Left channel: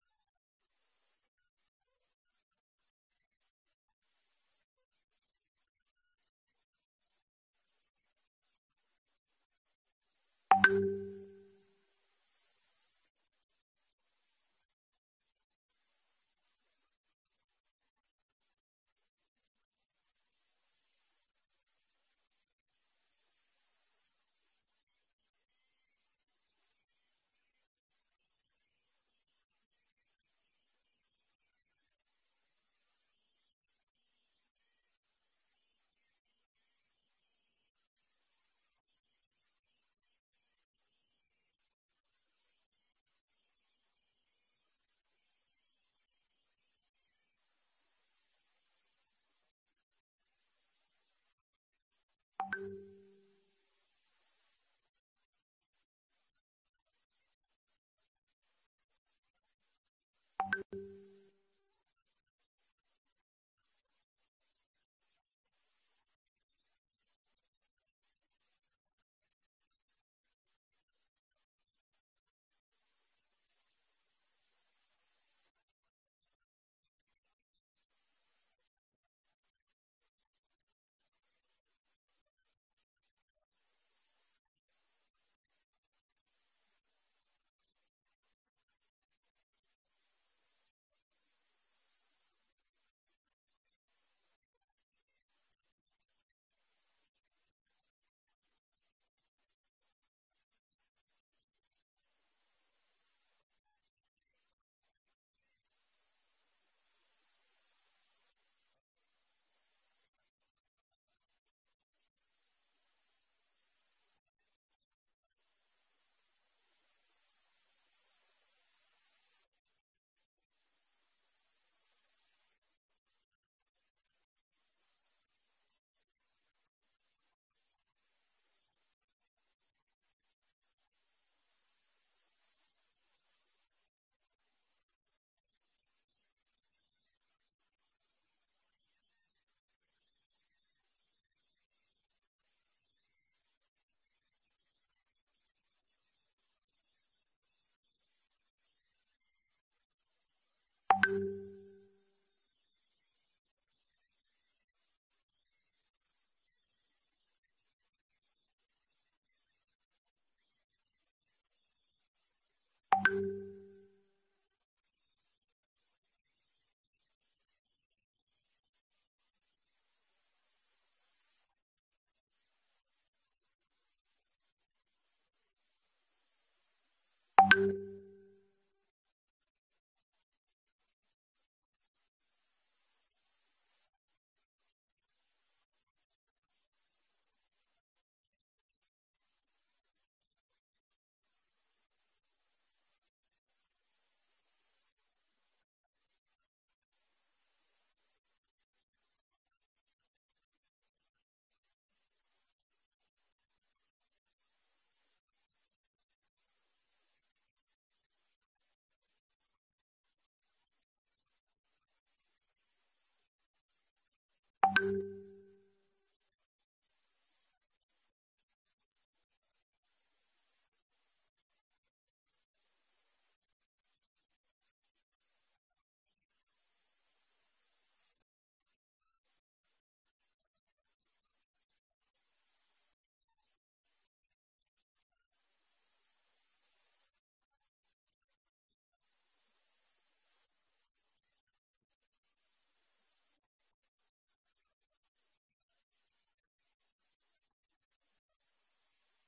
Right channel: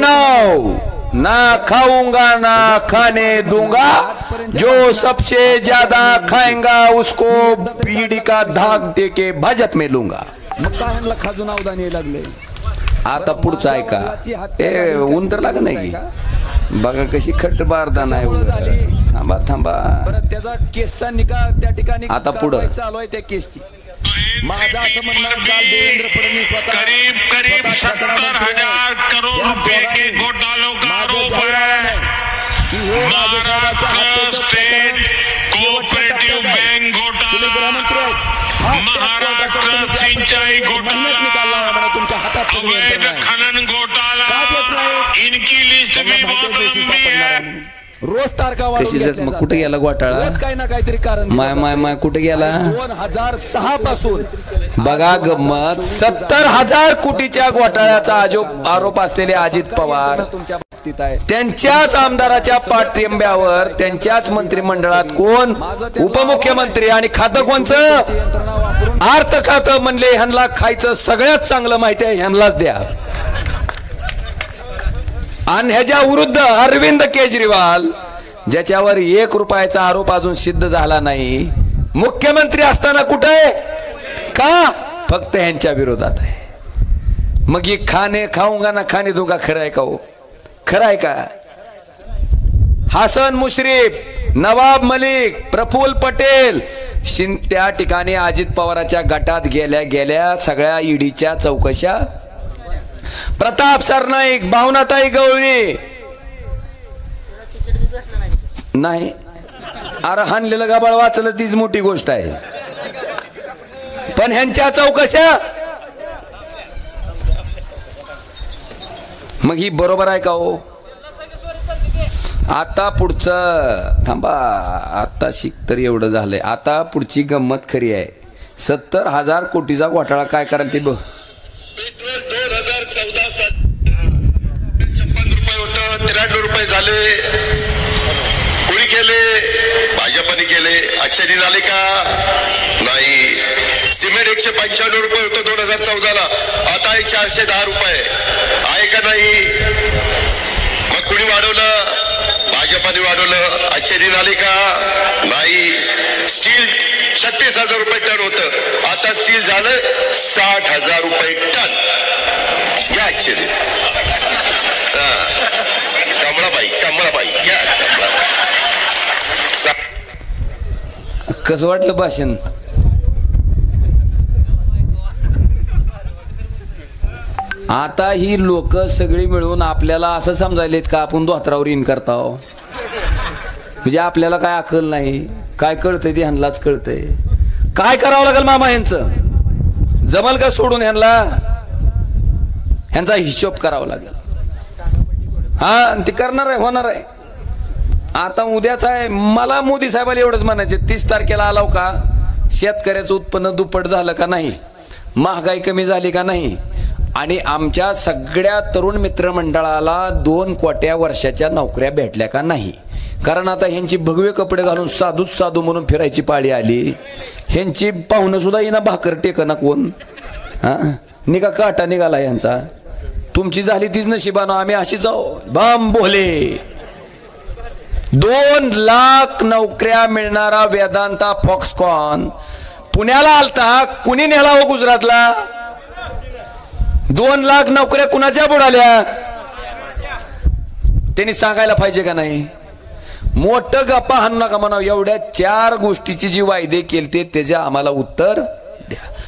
बहनों, ना खाऊंगा ना खाने दूंगा, जो सबसे ज्यादा खाएंगा उसको बीड़ी का धाक दे के भाजप में लूंगा. खाजून अवधानी लागले. आता पुढचं ऐका. ए ऊन तर लागत नाही बघा कशी खट्ट बारदाना आहे. थांबा थांबा. त्याचा केसचा निकाल त्या ठिकाणी आता पुढं चालू आहे त्या केसची. माझा असं म्हणणं देवेंद्र फडणवीस करीब करीब 70,000 करोड़ रुपए के घोटालों का आरोप है. महाराष्ट्र स्टेट कोऑपरेटिव बैंक घोटाला, महाराष्ट्र सिंचाई घोटाला, अवैध खनन घोटाला, इनकी लिस्ट भी बहुत लंबी है. रोज तारखा कशी मग कुठे गेला घोटाळा? काही ना काहीतरी कारण माय माय माय कुठे गेला? 2006 पासून बघा गमत 70,000 कोटीच्या घोटाळ्याचा आरोप असलेले अजित पवार त्यांच्याच आमदाराच्या पाठिंब्यावर त्यांच्याच मंत्रिमंडळात कोण उपमुख्यमंत्री आणि खातं कोणचं? अर्थ खातं म्हणले ह्यांना खायचं सगळ्यात चांगलं माहिती आहे ह्यांनाच द्या. आणि ह्याच्या विरुद्ध अरविंद केजरीवाल ज्याच्यावर 1 रुपयाचा आरोप अजून सिद्ध झाला नाही, मुख्यमंत्री असताना कुठे का फक्त ह्यांच्या विरोधात आहे. मग ही खाणे खाऊंगा ना खाणे दूंगा खरं आहे का हो? खरं आहे का? हसन मुश्रीफ, नवाब मलिक, प्रफुल्ल पटेल त्या ठिकाणी अजित पवारांच्या गटात गेल्या सगळ्या ईडीच्या चौकशा. प्रताप सरनाईक, भावनाताई गवळी नाही. अरे हाणलेलं गाबाळ वाचलं तीच मोठी गोष्ट आहे. पण ह्यांच्या चौकशा मग ही बरोबर आहे का हो? आता पुढचं थांबा. आता शिक तर एवढं झालंय. आता पुढची गंमत खरी आहे. 70,000 कोटीचा घोटाळा काय कराल ते बघ. पेट्रोल 2014 साली 56 रुपये होतं, 93 रुपये झाले. कोणी केले? भाजपने केले. अच्छे दिन आले का? नाही. सिमेंट 195 रुपये होतं 2014 ला, आता आहे 410 रुपये. आहे का नाही? मग कुणी वाढवलं? भाजपने वाढवलं. अच्छे दिन आले का? नाही. स्टील 36,000 रुपये टन होतं, आता स्टील झालं 60,000 रुपये टन. या अच्छे दिन. कमळाबाई घ्या. कसं वाटलं भाषण? आता ही लोक सगळी मिळून आपल्याला असं समजायलेत का आपण धोत्रावर इन करताव. म्हणजे आपल्याला काय अकल नाही, काय कळतंय ते ह्यांनाच कळतंय. काय करावं लागेल मामा ह्यांचं? जमल का सोडून ह्यांचा हिशोब करावा लागेल. हा ते करणार आहे, होणार आहे. आता उद्याच आहे. मला मोदी साहेबाला एवढंच म्हणायचे, 30 तारखेला आलाव का शेतकऱ्याचं उत्पन्न दुप्पट झालं का नाही, महागाई कमी झाली का नाही, आणि आमच्या सगळ्या तरुण मित्रमंडळाला 2 कोट्या वर्षाच्या नोकऱ्या भेटल्या का नाही. कारण आता ह्यांची भगवे कपडे घालून साधूच साधू म्हणून फिरायची पाळी आली. ह्यांची पाहुणं सुद्धा येणं भाकर टेकना कोण. हा निघा काटा निघाला यांचा. तुमची झाली तीच नशिबानं, आम्ही अशी जाऊ बाम बोले. 2 लाख नोकऱ्या मिळणारा वेदांता फॉक्सकॉन पुण्याला आलता. कुणी नेला हो गुजरातला? 2 लाख नोकऱ्या कुणाच्या बुडाल्या? त्यांनी सांगायला पाहिजे का नाही? मोठं गप्पा हाणू नका म्हणावं. एवढ्या 4 गोष्टीची जी वायदे केलते त्याचे आम्हाला उत्तर द्या.